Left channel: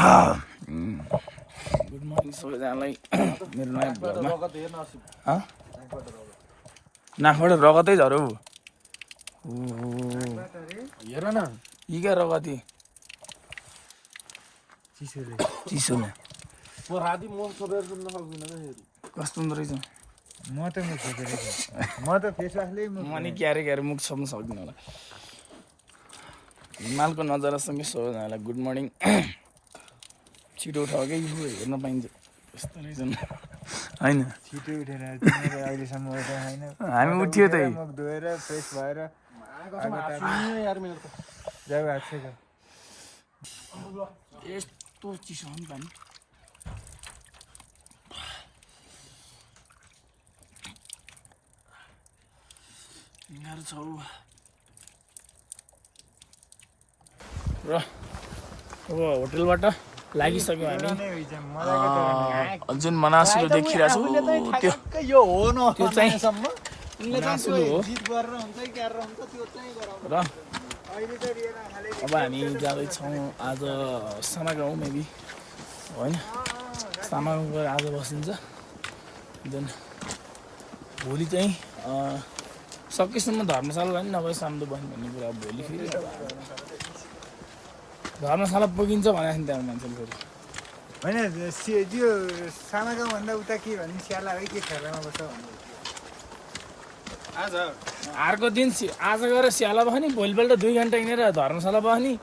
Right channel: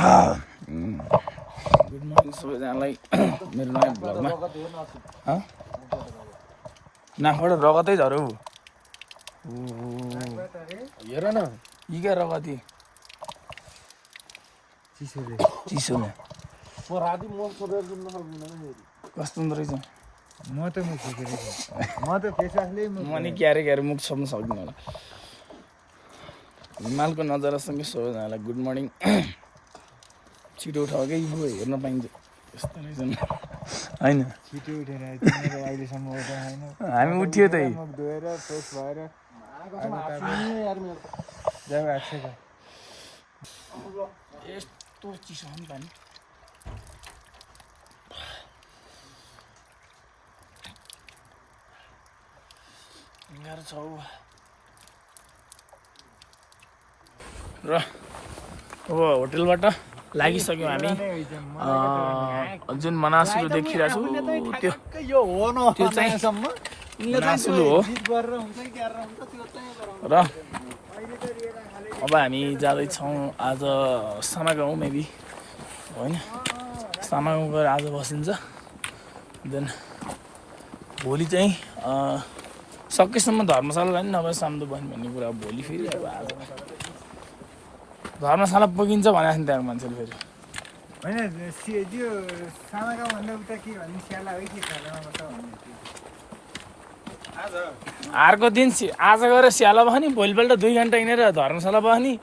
Good morning सबैजनालाई मेरो नयाँ भ्लगमा। नाकबाट रगतै झऱ्यो। हेर न यी क्या रगती चिसोले कस्तो हुँदो रहेछ। मैले क्यारे क्यारे मुख छोप्न सक्दिनँ होला। हिमालको नजारासँगै सबैजनालाई गुड मर्निङ। छिटो उठाउ क्या इबु हेर्न पाइन्छ यस्तो रहेछ नि होइन। छिटो उठेर अहिलेसम्म उठेको छैन। हामी उठ्यो त मुख धोएर फ्रेस भएर यस्तो चिसो हो नि पानी। गाह्रो छ र अब होटेलबाट लागिसक्यौँ हामी। जुन मनासुलु देखिरहेको छु त्यो चाहिँ मनासुलु हो। र अब हामी जाँदैछौँ आज सामागाउँ मेबी होइन। सामागाउँ गएर आज बसिन्छ। देन भोलि चाहिँ सकेसम्म धर्मशाला लाने नभए साम्दो बस्ने भन्ने कुरा। भोलि फेरि अब आज धर्मशाला पुगिन्छ भनेको नि त्यहाँको मान्छेले फेरि होइन। त्यो सामाका भन्दा उता के भने स्याला है के खेलामा बस्छ भन्नु। अर्को दिन आज गएर स्याला बस्ने, भोलिपल्ट 2 घन्टा हिँडेर धर्मशाला बस्ने,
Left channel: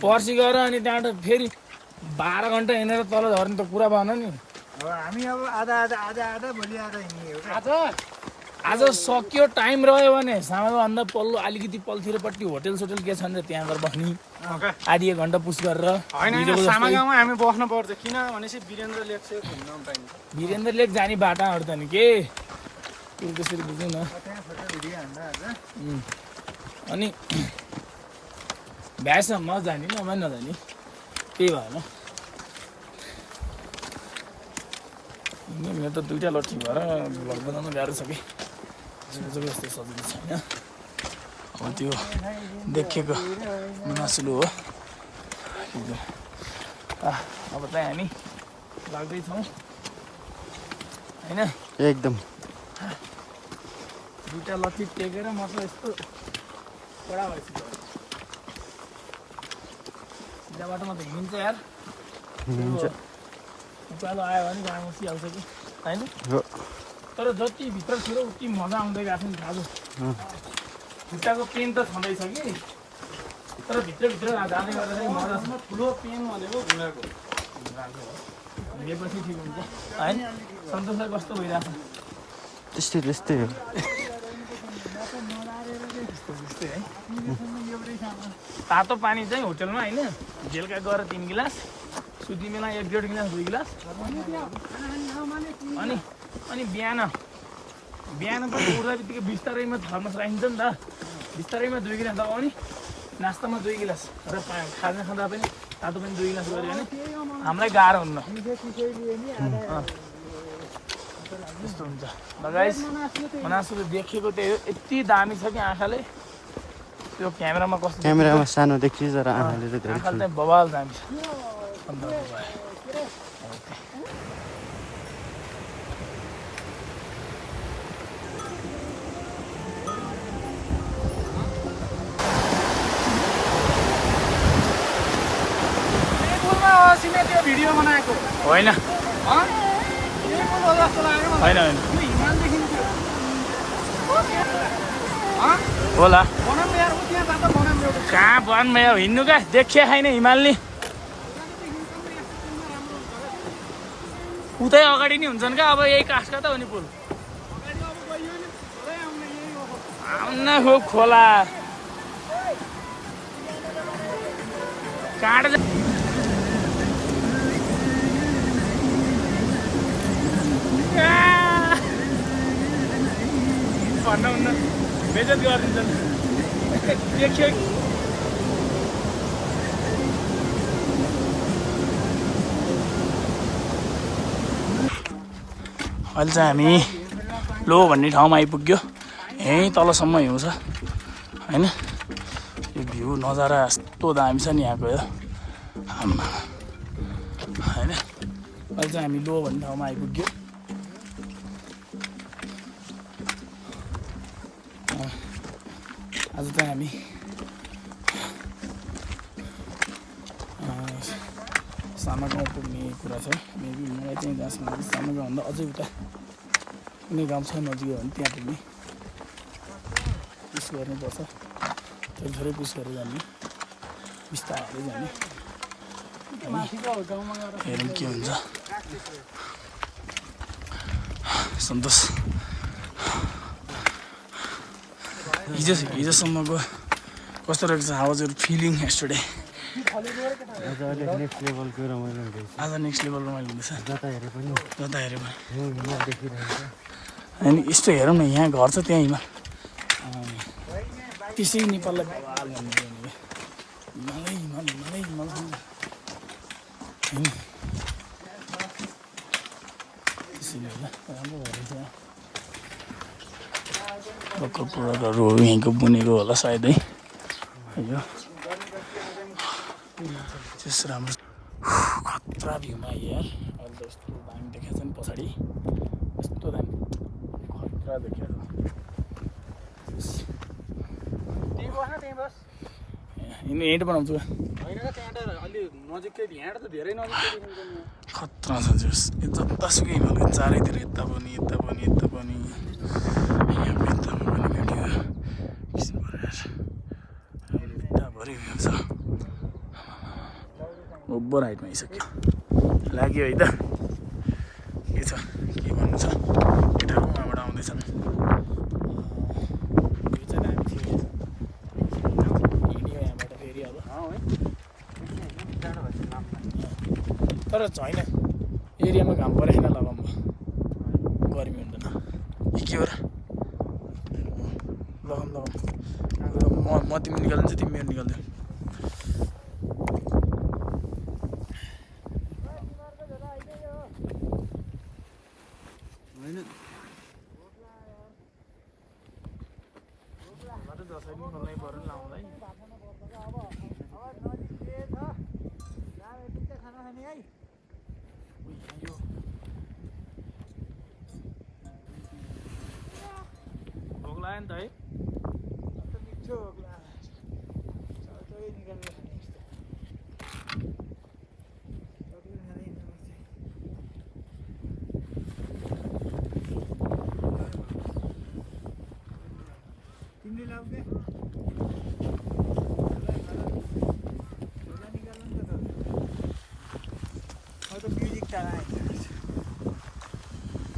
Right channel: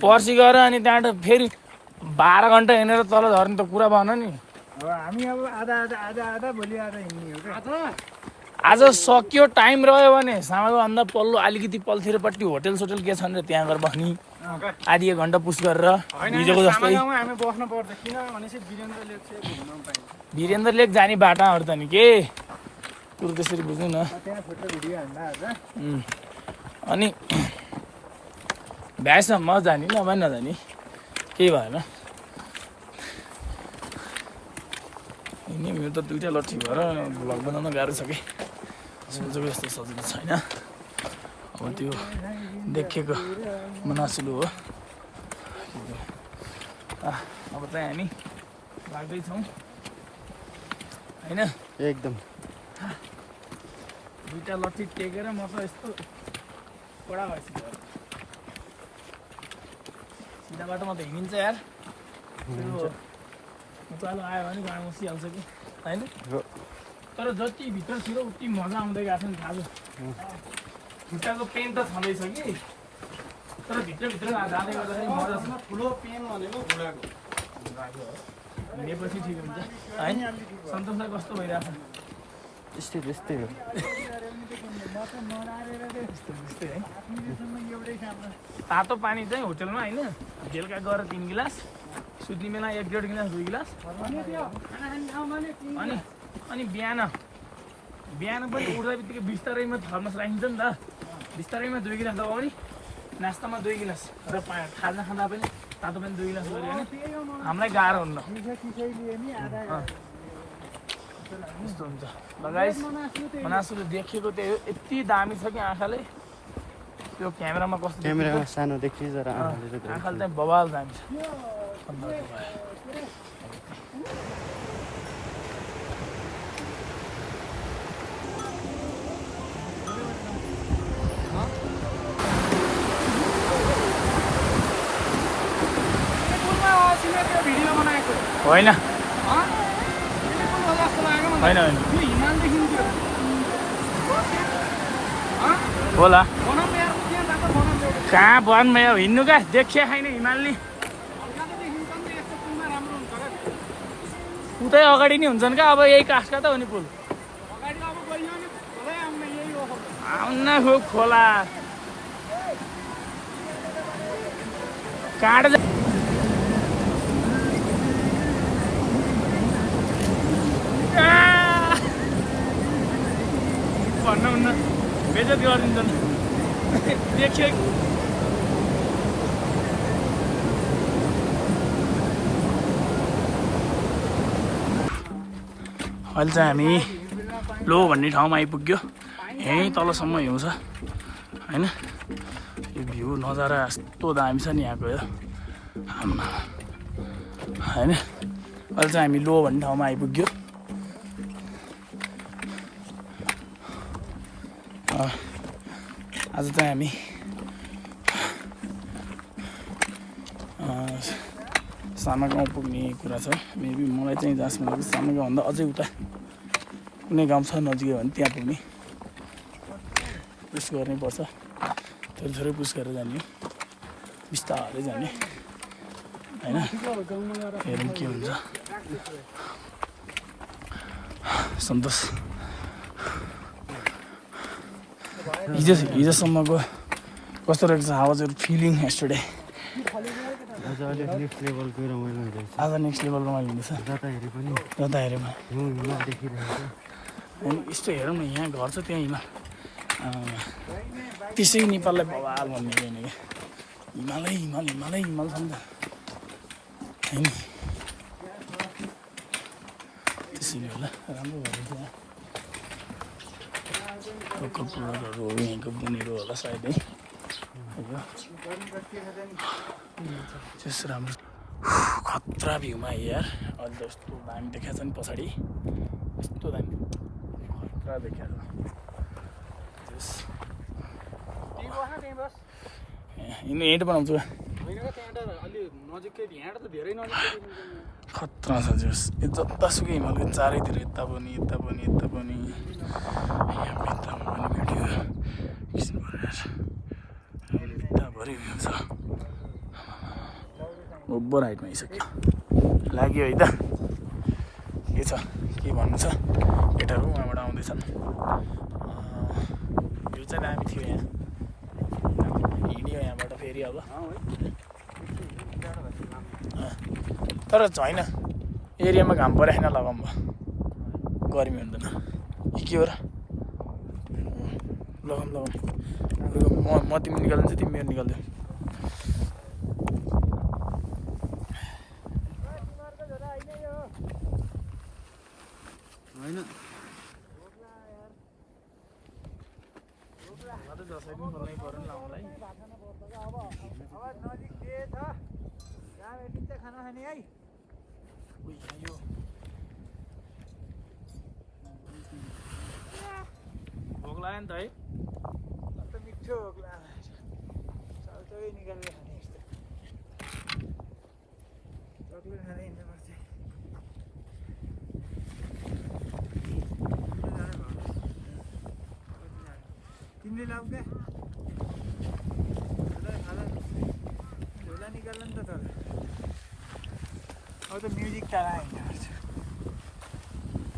पर्सि गएर अनि त्यहाँबाट फेरि 12 घन्टा हिँडेर तल झर्ने त कुरा भएन नि। हामी अब आधा भोलि आधा हिँड्ने हो। आज सक्यो टाइम रह्यो भने सामाभन्दा पल्लो अलिकति पल्थिरपट्टि होटेल सोटेल के छन् र त्यहाँ गएर बस्ने। आधी 1 घन्टा पुस गरेर हिजोको जस्तै हामी बस्न पर्छ। किन भनेपछि वीरेन्द्र लेक चाहिँ घुम्न पाइन्छ। वीरेन्द्र लेक जाने बाटाहरू त नि के कुरो त्यसरी बुझ्नु न। अनि भ्याएसम्म जाने नभए नजाने केही भएन। मेरो त 2टा लट्ठी भएर भ्लग बनाउन गाह्रो छ कि सोचेको जस्तो सजिलो छैन। अब त्यो देखेको मनासुलु हो। अब चाहिँ हामी लाग्दैछौँ होइन। एकदम 2टा लट्ठी टेकेर म त यस्तो कडा भएपछि सिधा बाटोमा त हिँडिन्छ यार। उकालो आयो भने गाडी बसिहाल्छ कि होइन। तर जति भित्रतिर उति मजा आउँदै गएको छ नि। थाहा छ खुट्टाको पेन त छँदैछ कि तर भित्रभित्र जाने गर्दा चाहिँ मजा छ। ठुलो पेन भनेको घुँडाको हिँडेपछि ठिक हुन्छ होइन। सन्तोषलाई कस्तो भइरहेको छ? त्यस्तै हो। तातो पानी चाहिँ होटेलमा होइन। बेलुका गएर 3 गिलास, सुत्ने बेला 1-1.5 गिलास 2 गिलास अनि बिहान पनि उठ्दा बित्तिकै बिस्तारैमा थर्मस राखिन्छ नि त। बिस्तारैमा 2 गिलास लगाउने, नास्तामा 2 गिलास र खाना खाँदा पनि तातो पनि 2 गिलास गऱ्यो भने हामीलाई गाह्रो हुन्न। त्यस्तो हुन्छ। मनासुलु देखेको त्यो यति दामी छ कि आँखाले। त्यो क्यामेरामा कस्तो क्यामेरामा सानो देखिन्छ तर आँखाले त धेरै आँखाले चाहिँ बवाल दामी छ। होइन होइन होइन होला कहाँ वनमा यहाँ हिँड्नु क्या देखिया छैन हिमाल नि। उतै अगाडि नै हुन्छन् क्या। अब यही काठका त हो नि पुल। आउन खो खोला काँड भन्न हुन्न बेजत गरिदिन्छन्। देखियो अहिले चाहिँ हामी लो भन्ने ठाउँमा आइपुग्यो। यहीँ तलसम्म हिउँ छ होइन। यो भ्यू नजारा यस्तो दामी छ नि यहाँको। यो आम्मा होइन अहिले चाहिँ हामी लो भन्ने ठाउँमा आइपुग्यो आज चाहिँ हामी सामा गाउँ पुग्ने कुरा छ मेबी मलाई चाहिँ जहाँसम्म लाग्छ सामा गाउँभन्दा अझै उता कुनै गाउँ छ नजिकै भने त्यहाँ पुग्ने पुस गर्नुपर्छ थोरै थोरै पुस गरेर जाने बिस्तारै जाने होइन हेरौँ के हुन्छ सन्तोष हिजोसम्मको कस्तो रहेछ हावाजहरू फिलिङ एस्टरडे आज अलिक नेक्स्ट लेभलको रमाइलो हुँदैछ आज नेक्स्ट लेभल रमाइलो हुँदैछ जता हेरे पनि हिमाल देखिरहेको छ अनि यस्तो हेरौँ न यहाँ घर छ त्यहाँ हिमाल त्यसै नेपाललाई बवाल भन्ने होइन क्या हिमालै हिमाल भन्छ होइन त्यसैले होला राम्रो भएर चाहिँ लोकल प्रोडक्टहरू यहीँको बुनेको होला सायदै यो त्यस राम्रो खतरा भ्यूमा यार अहिले त यस्तो दामी देखाएको छ नि पछाडि यस्तो दामी खतरा देखाएको हिँड बनाउँछु खतरा छ जोस् जतासुकै हिमालको चारैतिर यता पनि भरि भ्यू छ ओभर हाइटमा आइसक्यो लाग्यो है त के छ के भन्नु चाहिँ केटाहरू उहाँबाट आउँदैछन् भ्यू चाहिँ दामी थियो यहाँ हिँड्यो यहाँबाट फेरि अब तर छैन एरियामा घाम परेन लगाउँ भयो गर्मी हुँदैन के हो र म तिमी निकाल्छु तिमी मेरो निकाल्दै होइन जसरी पनि खोल्नै पऱ्यो नि लाउनुलाई भोक लाग्यो नि त है तिमीले लाउ क्या झोला निकाल्न नि त तल अब त म्युजिक त आयो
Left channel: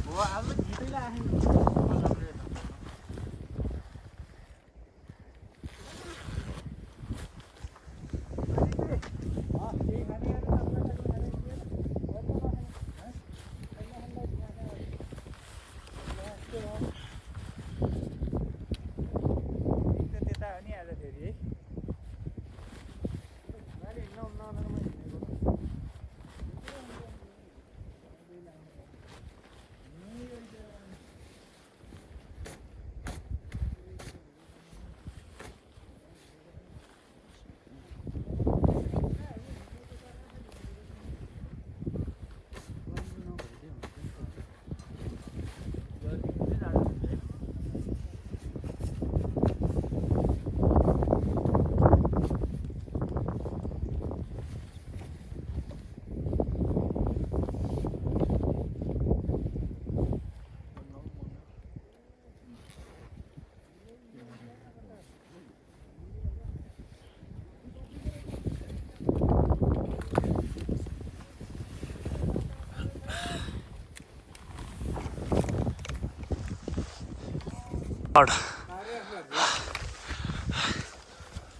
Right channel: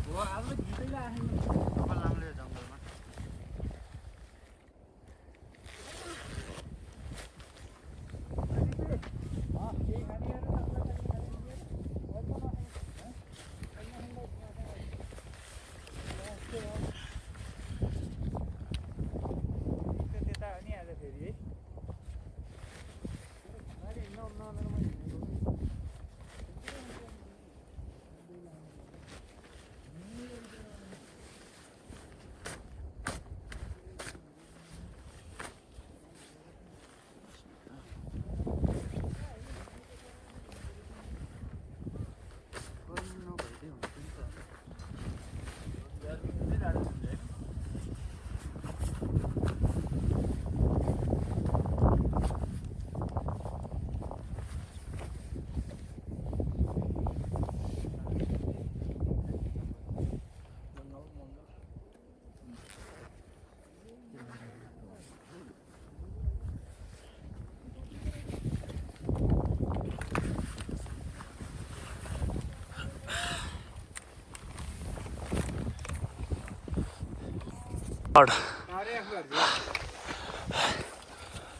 हो अब त गीतै आयो जङ्गलमा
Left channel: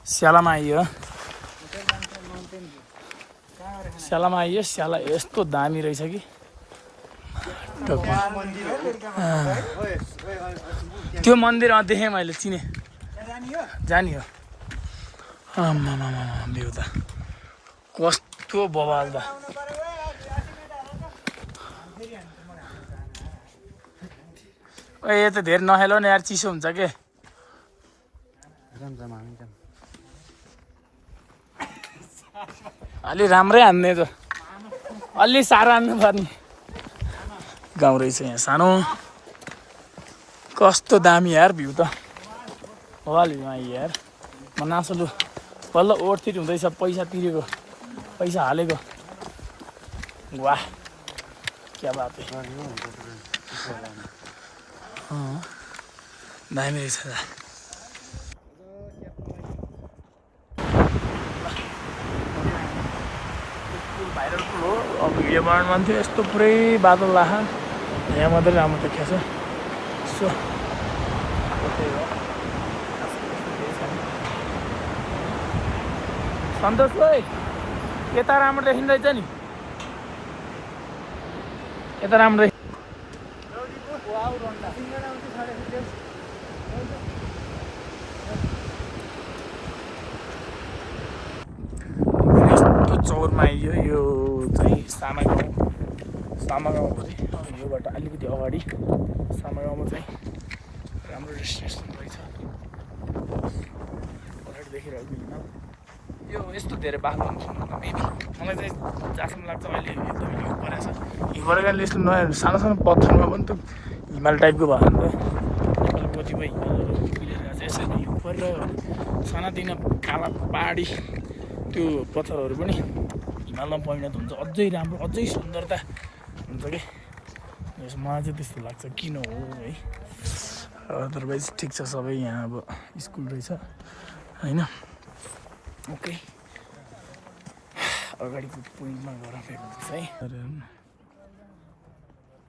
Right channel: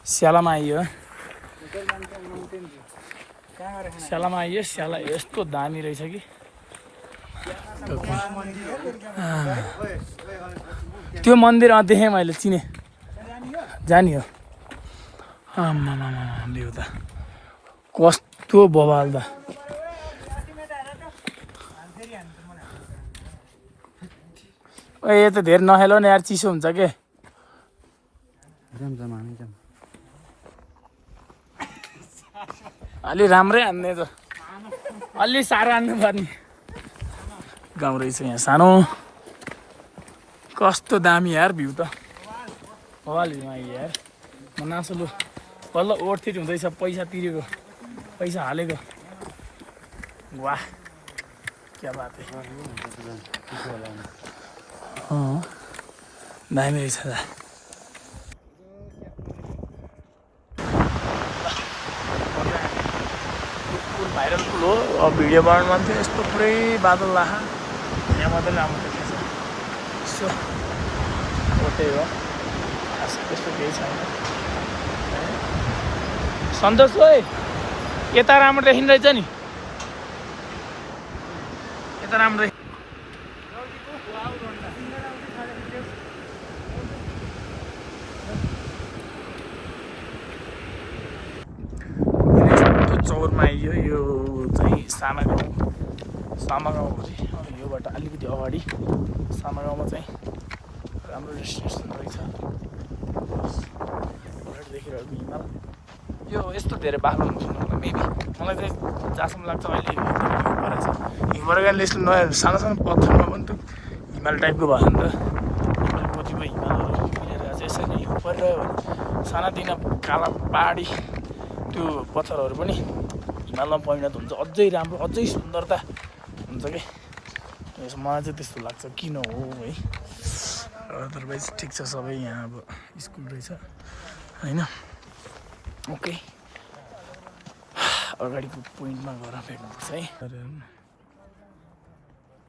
स्यालामा आइयो स्यालामा आइयो स्याला यस्तो दामी रहेछ कि त्यो मन्दिर देखेँ मैले चिने जानी हो आम्मामा भ्यू त कस्तो बवाल त यो त धेरै नखेल न यार चिसो हुन्छ के अलि राम्रै हान्ने त अलि साह्रो हान्नु पर्ने गाउँ रहेछ यहाँ सानो कस्तो दामी यार भ्यू त वालमा यार म नासलु बल्ल ओभरफिट हुँदैछ पैसा तिरेको पैसा हालेको वाह क्या बात है दामी रहेछ दा भाइरल पुल हो अब भिडियो बनाउनु मन थियो यस्तो पुरै बादल लाखा यहाँ मात्रै राम्रो देखिएको छ यसो त्यही हो त्यस्तो केही छैन सन्तोष ओइ यता राम्रो देखिँदो रहेछ नि यता राम्रो चौरमा आइयो यो चाहिँ साना गाउँ हो चाहिँ योबाट अलिकति अगाडि साना गाउँमा चाहिँ राम्रो डेस्टिनेसन रहेछ अगाडि देखिरहेको हिमाल यो यस्तो धेरै बाक्लो हुन्छ मेबी मलाई चाहिँ जहाँसम्म लाग्छ अहिले हिमालयले यस्तो नयाँ सानो सानो पत्थरमा पनि त हिमाल टाइपको भएको नि त कतिपय हिमालहरू यसरी परेर सानातिना काला पहाडी त्यो पत्थरहरू पनि हिमालमा परिणत हुन्छ अझै राम्रो अझै सुन्दरता हुन्छ कि मलाई चाहिँ त्यस्तो लाग्छ किन हो है अदरवाइज ठिक छ सबै यहाँ अब स्कुल रहेछ होइन ओके अगाडिको पोइन्टमा गएर भेट्नुपर्छ है